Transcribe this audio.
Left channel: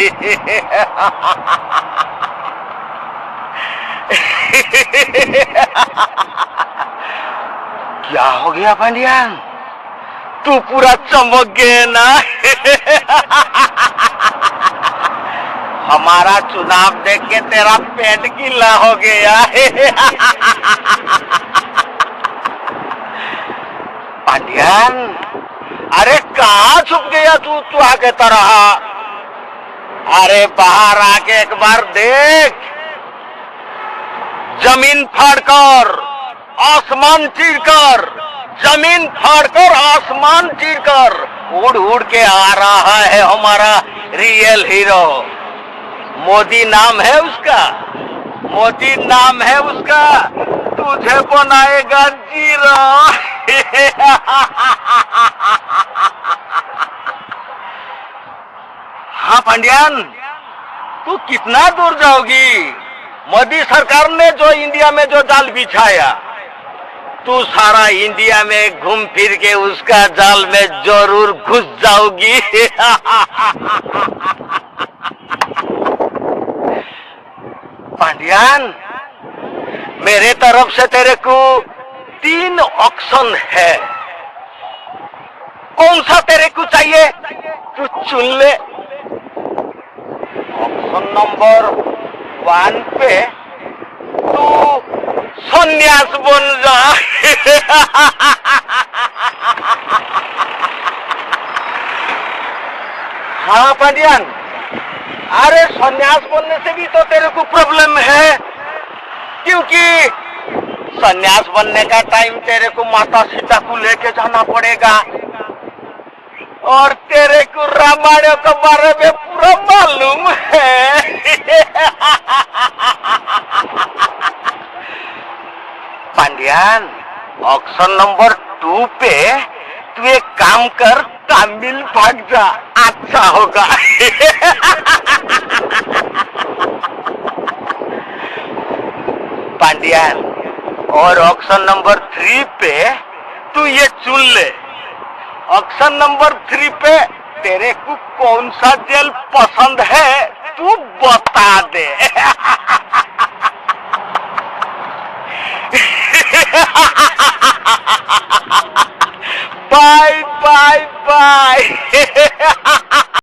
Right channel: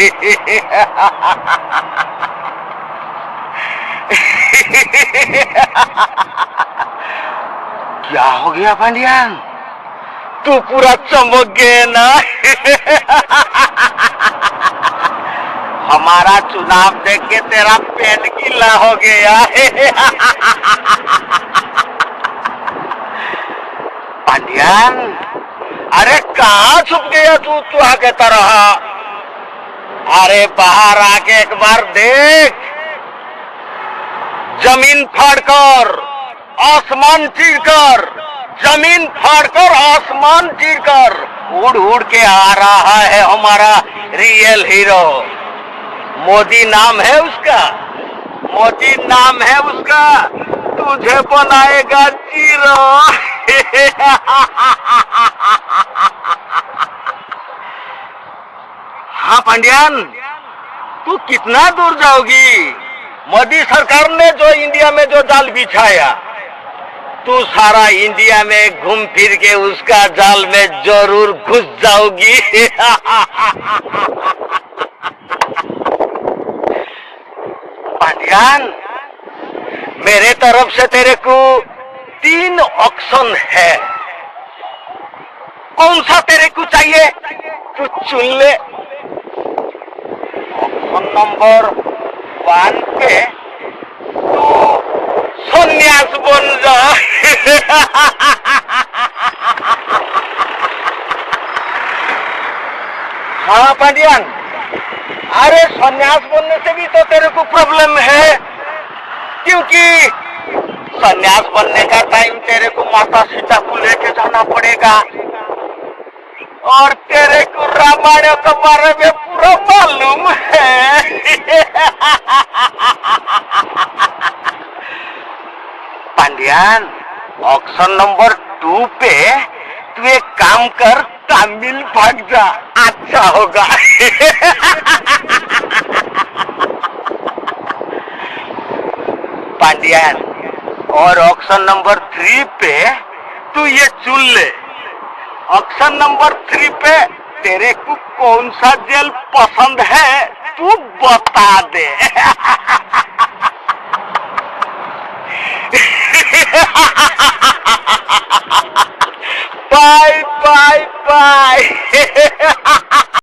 क्या हो गया पांडियान? तू पूरा चमक गए ना। हमारा चुनाव देख के तेरा पेट गीला हो गया। पांडियान, अरे कहाँ छुप गया तू आगे तरह? अरे बाहर आके एक बार देख। जमीन फाड़कर आसमान चीरकर, जमीन फाड़कर आसमान चीरकर उड़ उड़ के आ रहा है हमारा रियल हीरो। मोदी नाम है उसका, मोदी नाम है उसका। तुझे बनाएगा जीरो। हाँ पांडियान, तू कितना दूर जाओगी? मोदी सरकार ने जो इंडिया में जो जाल बिछाया, तू सारा इंडिया में घूम फिर के उसका जाल में जरूर घुस जाओगी। पांडियान, मेरे तरफ से तेरे को 3 ऑप्शन है। कौन सा तेरे को चाहिए तू चुन ले। ऑप्शन नंबर 1 पे तू सन्यास बन जा। हाँ पांडियान, अरे सन्यास बनने से भी तो तेरे को प्रॉब्लम है, क्योंकि सन्यास बनने का टाइम तेरे को माता सीता को लेके जाना पड़ेगा, और तेरे को रामायण के बारे में पूरा मालूम है। पांडियान, ऑप्शन नंबर 2 पे तू एक काम कर, तमिल भाग जा, अच्छा होगा। पांडियान, और ऑप्शन नंबर 3 पे तू ये चुन ले। ऑप्शन नंबर 3 पे तेरे को कौन सा जेल पसंद है तू बता दे। Bye bye bye.